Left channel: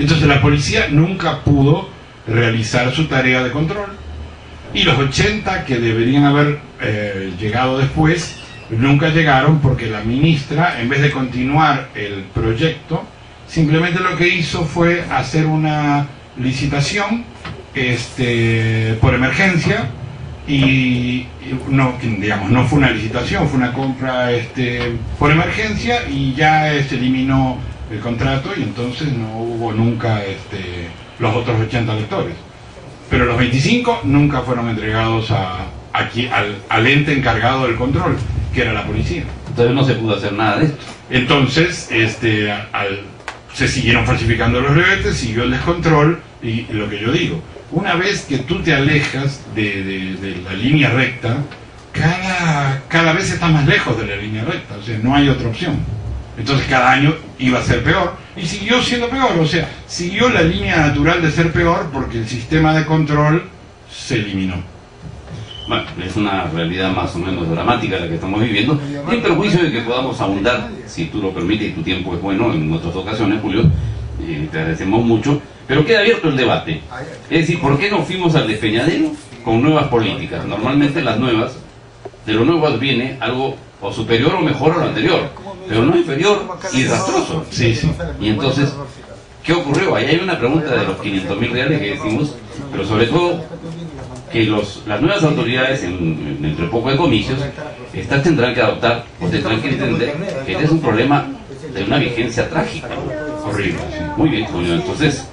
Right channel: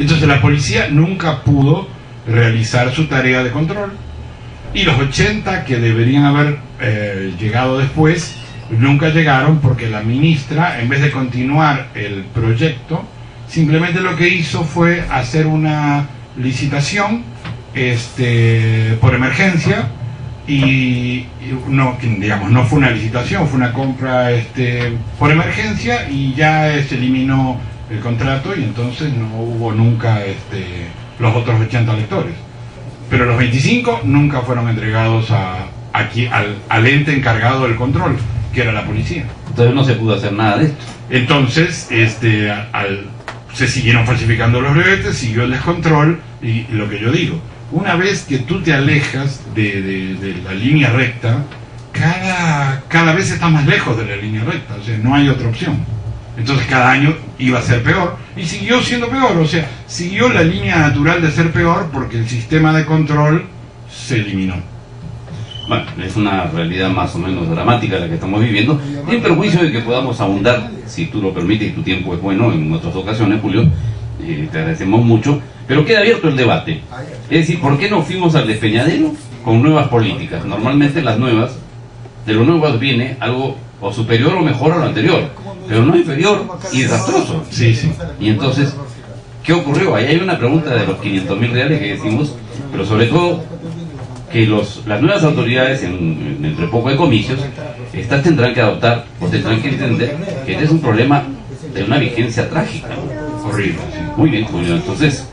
Entonces la policía nunca pudo realizar su tarea de control, y los 80 que deberían haber llegado después nunca llegaron, porque la ministra, en vez de continuar el proyecto, simplemente lo que hizo fue hacer una licitación por emergencia, y no, digamos, no fue una licitación, fue una compra por emergencia, y ya se eliminó el contrato, y entonces no hubo nunca los otros 80 lectores. Pero los 25 nunca fueron entregados al ente encargado del control, que era la policía. Entonces no se pudo hacer nada de esto. Entonces se siguieron falsificando los brevetes, siguió el descontrol, y lo que yo digo, una vez que tú te alejas de la línea recta, cada vez estás más lejos de la línea recta, o sea, no hay otra opción. Entonces cada año iba a ser peor, y siguió siendo peor, o sea, siguió la línea natural de ser peor, porque el sistema de control se eliminó. Bueno, es una realidad más o menos dramática la que estamos viviendo, en perjuicio de que podamos ahondar, si tú lo permites y tu tiempo es bueno, en otras ocasiones, Julio, te agradecemos mucho, pero queda abierto el debate. Es decir, ¿por qué no fuimos al despeñadero con nuevas políticas? Normalmente las nuevas, de lo nuevo viene algo o superior o mejor a lo anterior, pero no inferior y rastroso. Sí, sí. Y entonces, ¿qué ocurrió? Ahí hay una pregunta de los 500.000 reales que decimos, pero sobre todo que las nuevas autoridades, entre poco de comicios, estas tendrán que adoptar o tendrán que entender que este es un problema de una vigencia trágica. Horrible. Sí. Muy bien, Julio. Entonces,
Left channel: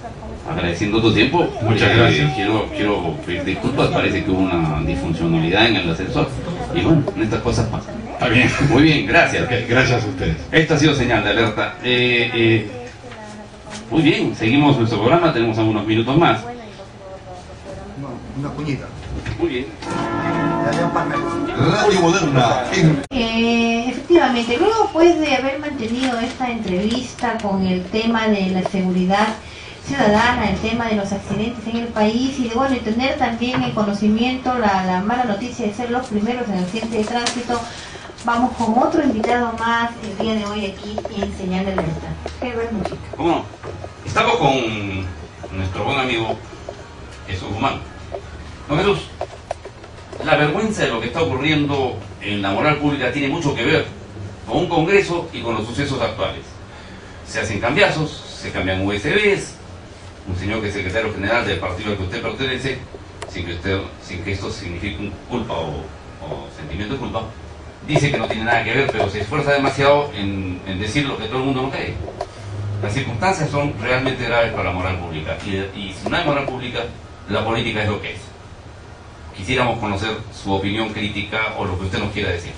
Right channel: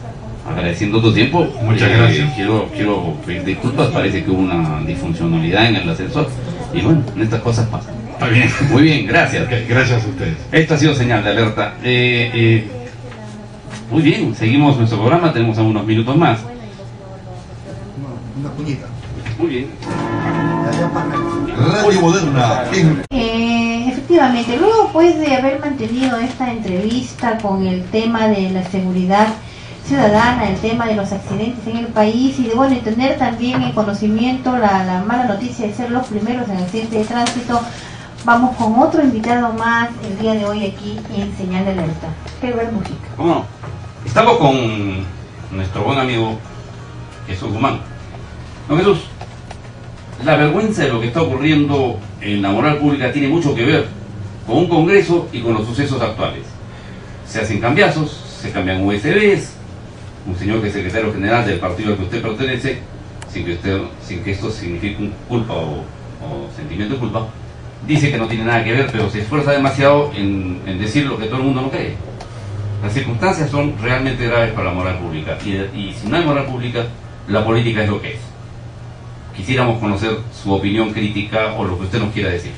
agradeciendo tu tiempo, muchas gracias. Quiero pedir disculpas, parece que hubo una disfuncionalidad en el ascensor, y bueno, estas cosas pasan. Está bien. Muy bien, gracias. Okay, gracias a ustedes. Esta ha sido señal de alerta. Muy bien, seguimos nuestro programa, tenemos algunos minutos más. Muy bien. Radio Moderna. Efectivamente, luego pues de haber mantenido esta entrevista con el tema de la seguridad ciudadana, el tema de los accidentes en el país, y de bueno, tener también en conocimiento la mala noticia de ser los primeros en accidentes de tránsito, vamos con otro invitado más el día de hoy aquí en Señal de Alerta. Quiero ver música. ¿Cómo no? Estamos con nuestro buen amigo Jesús Guzmán. Don Jesús, la vergüenza de lo que está ocurriendo en la moral pública tiene mucho que ver con un Congreso y con los sucesos actuales. Se hacen cambiazos, se cambian USBs, un señor que es secretario general del partido al que usted pertenece, sin que esto signifique un culpa o sentimiento de culpa, dice que no tiene nada que ver, pero se esfuerza demasiado en decir lo que todo el mundo no cree. Las circunstancias son realmente graves para la moral pública, y si no hay moral pública, la política es lo que es. Quisiéramos conocer su opinión crítica o lo que usted nos quiera decir.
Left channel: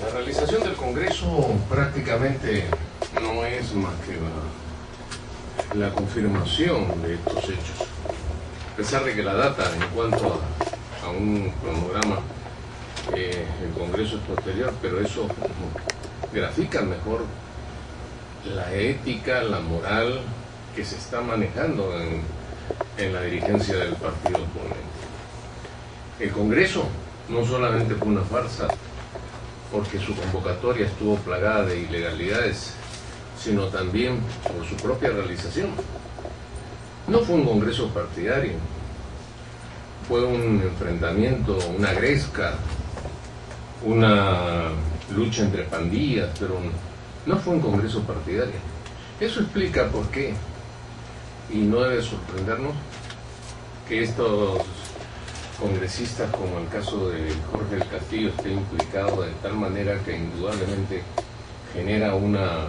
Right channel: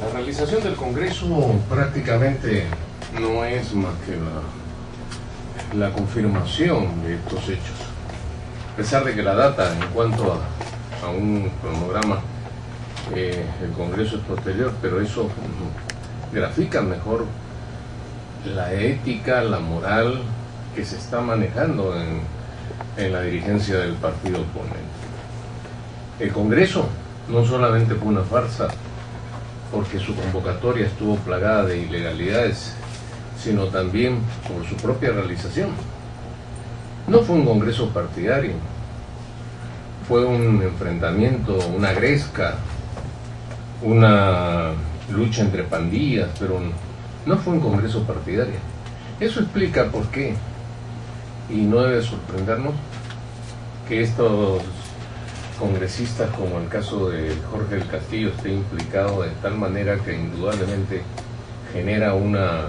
La realización del Congreso prácticamente no es más que la confirmación de estos hechos. A pesar de que la data en cuanto a un cronograma, el Congreso es posterior, pero eso grafica mejor la ética, la moral que se está manejando en la dirigencia del partido oponente. El Congreso no solamente fue una farsa porque su convocatoria estuvo plagada de ilegalidades, sino también por su propia realización. No fue un Congreso partidario, fue un enfrentamiento, una gresca, una lucha entre pandillas, pero no fue un Congreso partidario. Eso explica por qué, y no debe sorprendernos, que estos congresistas, como el caso de Jorge del Castillo, esté implicado de tal manera que indudablemente genera una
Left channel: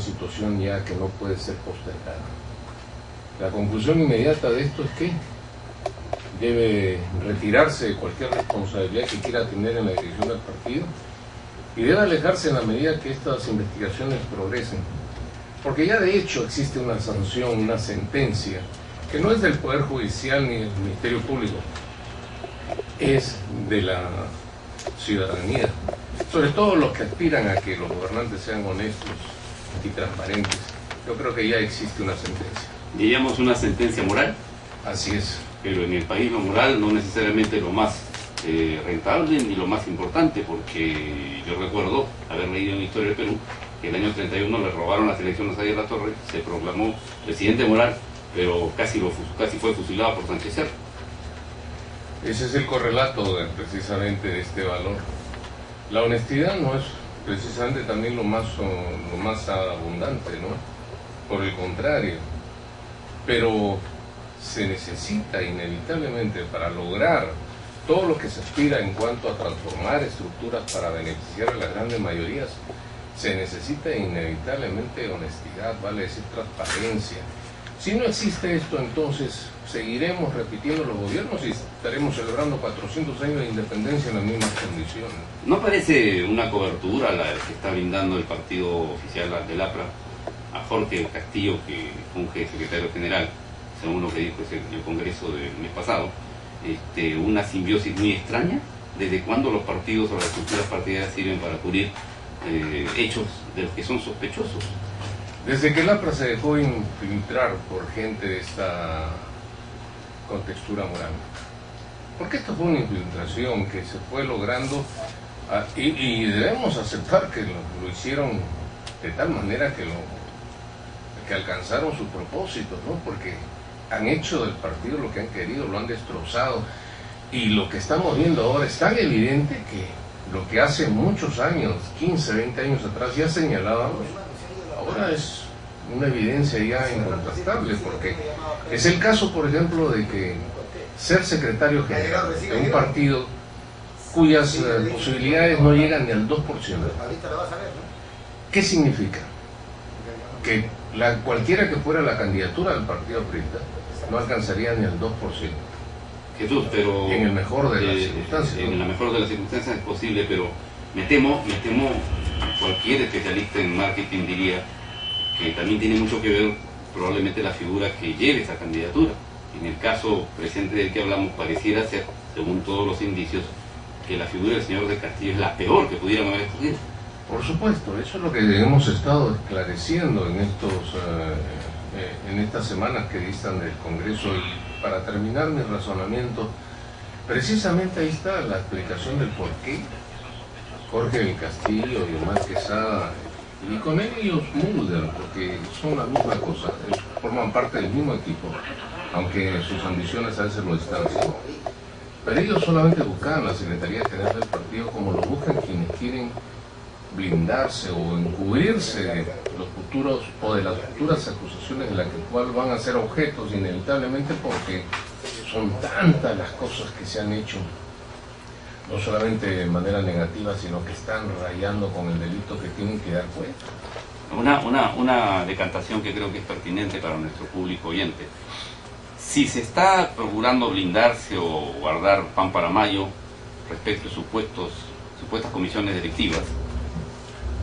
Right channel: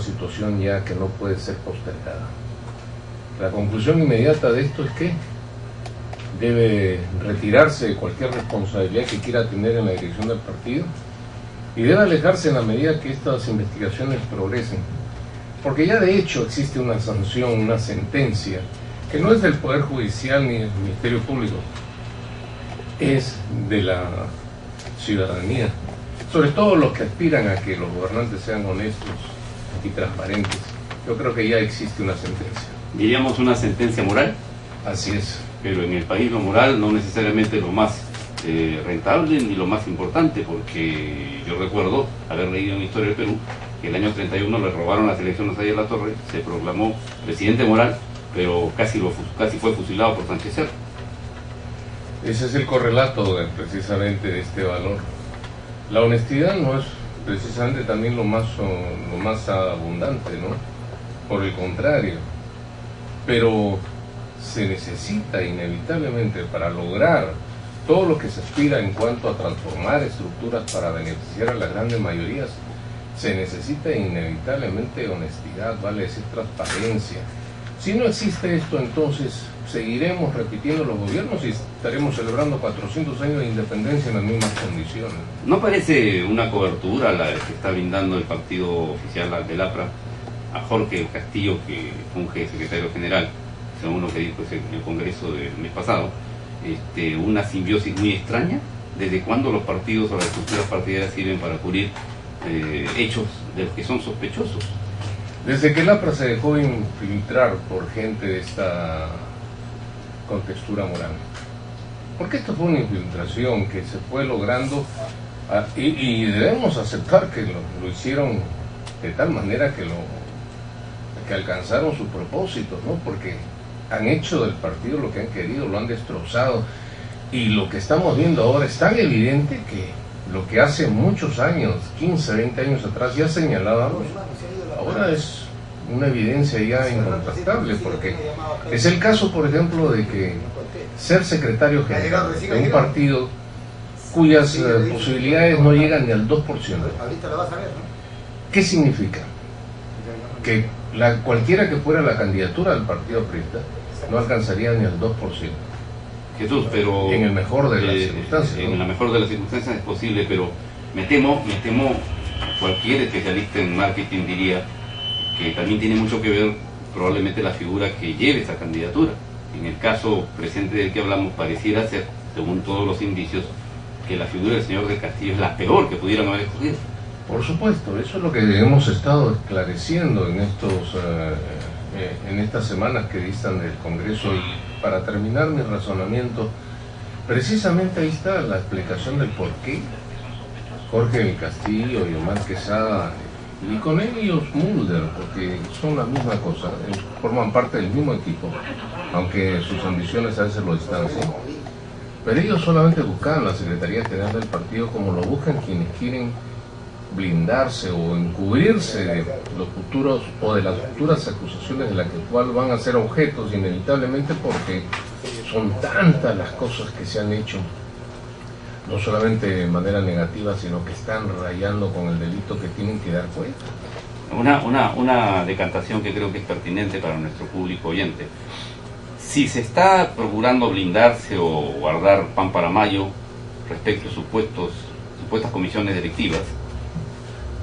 situación ya que no puede ser postergada. La conclusión inmediata de esto es que debe retirarse de cualquier responsabilidad que quiera tener en la dirección del partido, y debe alejarse en la medida que estas investigaciones progresen, porque ya de hecho existe una sanción, una sentencia, que no es del Poder Judicial ni del Ministerio Público, es de la ciudadanía, sobre todo los que aspiran a que los gobernantes sean honestos y transparentes. Yo creo que ya existe una sentencia. Diríamos una sentencia moral. Así es. Pero en el país lo moral no necesariamente lo más rentable ni lo más importante, porque yo recuerdo haber leído en la historia del Perú que el año 31 le robaron las elecciones a Latorre, se proclamó presidente moral, pero casi fue fusilado por Sánchez Cerro. Ese es el correlato precisamente de este valor. La honestidad no es precisamente también lo más abundante, ¿no? Por el contrario. Pero se necesita inevitablemente para lograr todo lo que se aspira en cuanto a transformar estructuras para beneficiar a las grandes mayorías, se necesita inevitablemente honestidad, vale decir transparencia. Si no existe esto, entonces seguiremos repitiendo los gobiernos y estaremos celebrando 400 años de independencia en las mismas condiciones. ¿No parece una cobertura la que está brindando el partido oficial del APRA a Jorge Castillo, que funge secretario general, según lo que dijo el Congreso del mes pasado, una simbiosis muy extraña? ¿Desde cuándo los partidos o las estructuras partidarias sirven para cubrir hechos de los que son sospechosos? Desde que el APRA se dejó infiltrar por gente de esta contextura moral. Porque esto fue una infiltración que se fue logrando y debemos aceptar que lo hicieron de tal manera que alcanzaron sus propósitos, ¿no? Porque han hecho del partido lo que han querido, lo han destrozado, y lo que estamos viendo ahora es tan evidente que lo que hace muchos años, 15, 20 años atrás ya señalábamos, ahora es una evidencia ya incontrastable, porque es el caso, por ejemplo, de que ser secretario general de un partido cuyas posibilidades no llegan ni al 2%. ¿Qué significa? Que cualquiera que fuera la candidatura del partido aprista no alcanzaría ni al 2%. Jesús, pero en el mejor de las circunstancias. En la mejor de las circunstancias es posible, pero me temo, cualquier especialista en marketing diría que también tiene mucho que ver probablemente la figura que lleve esa candidatura. En el caso presente del que hablamos, pareciera ser, según todos los indicios, que la figura del señor del Castillo es la peor que pudieran haber escogido. Por supuesto, eso es lo que hemos estado esclareciendo en estas semanas que distan del Congreso. Y para terminar mi razonamiento, precisamente ahí está la explicación del por qué Jorge del Castillo y Omar Quesada, y con ellos Mulder, porque son la misma cosa, forman parte del mismo equipo, aunque sus ambiciones a veces lo distancian. Pero ellos solamente buscan la Secretaría General del partido como lo buscan quienes quieren blindarse o encubrirse de los futuros o de las futuras acusaciones de las cuales van a ser objetos inevitablemente, porque son tantas las cosas que se han hecho, no solamente de manera negativa, sino que están rayando con el delito que tienen que dar cuenta. Una decantación que creo que es pertinente para nuestro público oyente. Si se está procurando blindarse o guardar pan para mayo respecto a supuestas comisiones directivas,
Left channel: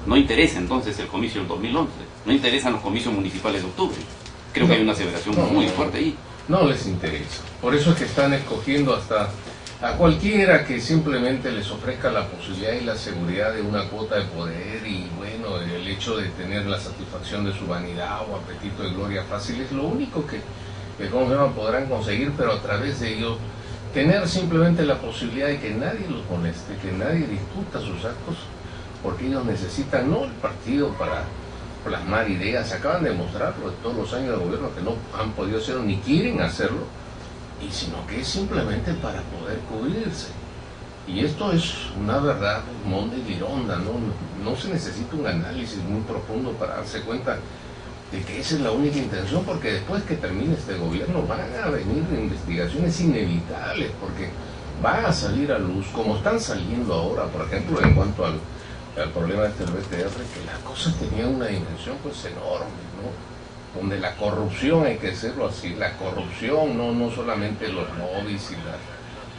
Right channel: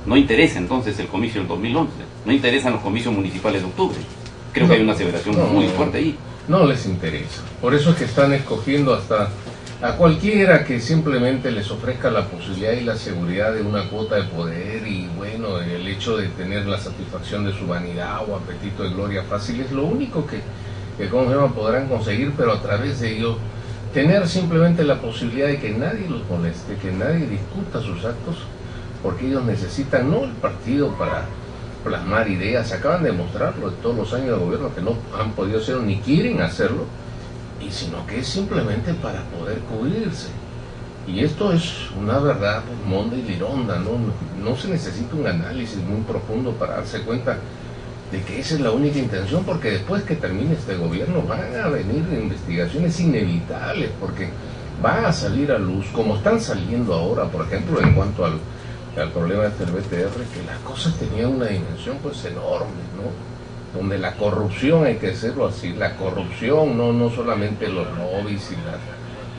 no interesa entonces el comicio del 2011, no interesan los comicios municipales de octubre. Creo que hay una aseveración muy fuerte ahí. No les interesa. Por eso es que están escogiendo hasta a cualquiera que simplemente les ofrezca la posibilidad y la seguridad de una cuota de poder, y bueno, el hecho de tener la satisfacción de su vanidad o apetito de gloria fácil es lo único que podrán conseguir, pero a través de ello tener simplemente la posibilidad de que nadie los moleste, que nadie discuta sus actos, porque ellos necesitan no el partido para plasmar ideas, acaban de demostrarlo en todos los años de gobierno que no han podido hacerlo ni quieren hacerlo, y sino que es simplemente para poder cubrirse. Y esto es una verdad monda y lironda, no se necesita un análisis muy profundo para darse cuenta de que esa es la única intención, porque después que termine este gobierno van a venir investigaciones inevitables, porque van a salir a luz, como están saliendo ahora, por ejemplo, en cuanto al problema del BTR, que las cosas tenían una dimensión pues enorme, ¿no? Donde la corrupción, hay que decirlo así, la corrupción, no solamente los lobbies y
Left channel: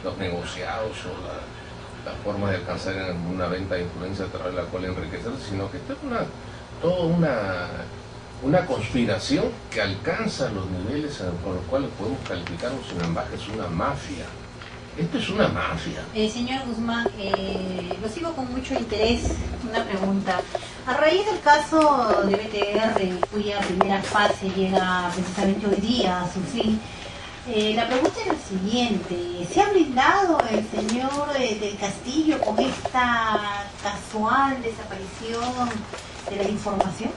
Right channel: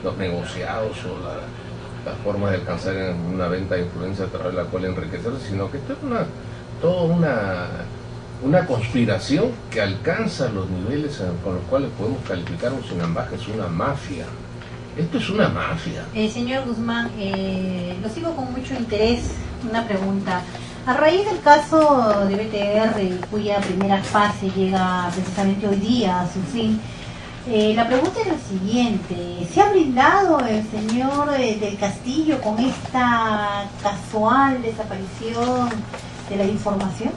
los negociados o la forma de alcanzar una venta de influencia a través de la cual enriquecerse, sino que esto es toda una conspiración que alcanza los niveles con los cuales podemos calificar un Sinambaje, es una mafia. Esto es una mafia. Señor Guzmán, lo sigo con mucho interés. Una pregunta. A raíz del caso de BTR, cuya primera fase llega precisamente hoy día a su fin, la pregunta es la siguiente. ¿Se ha blindado el señor del Castillo con esta casual desaparición de la información.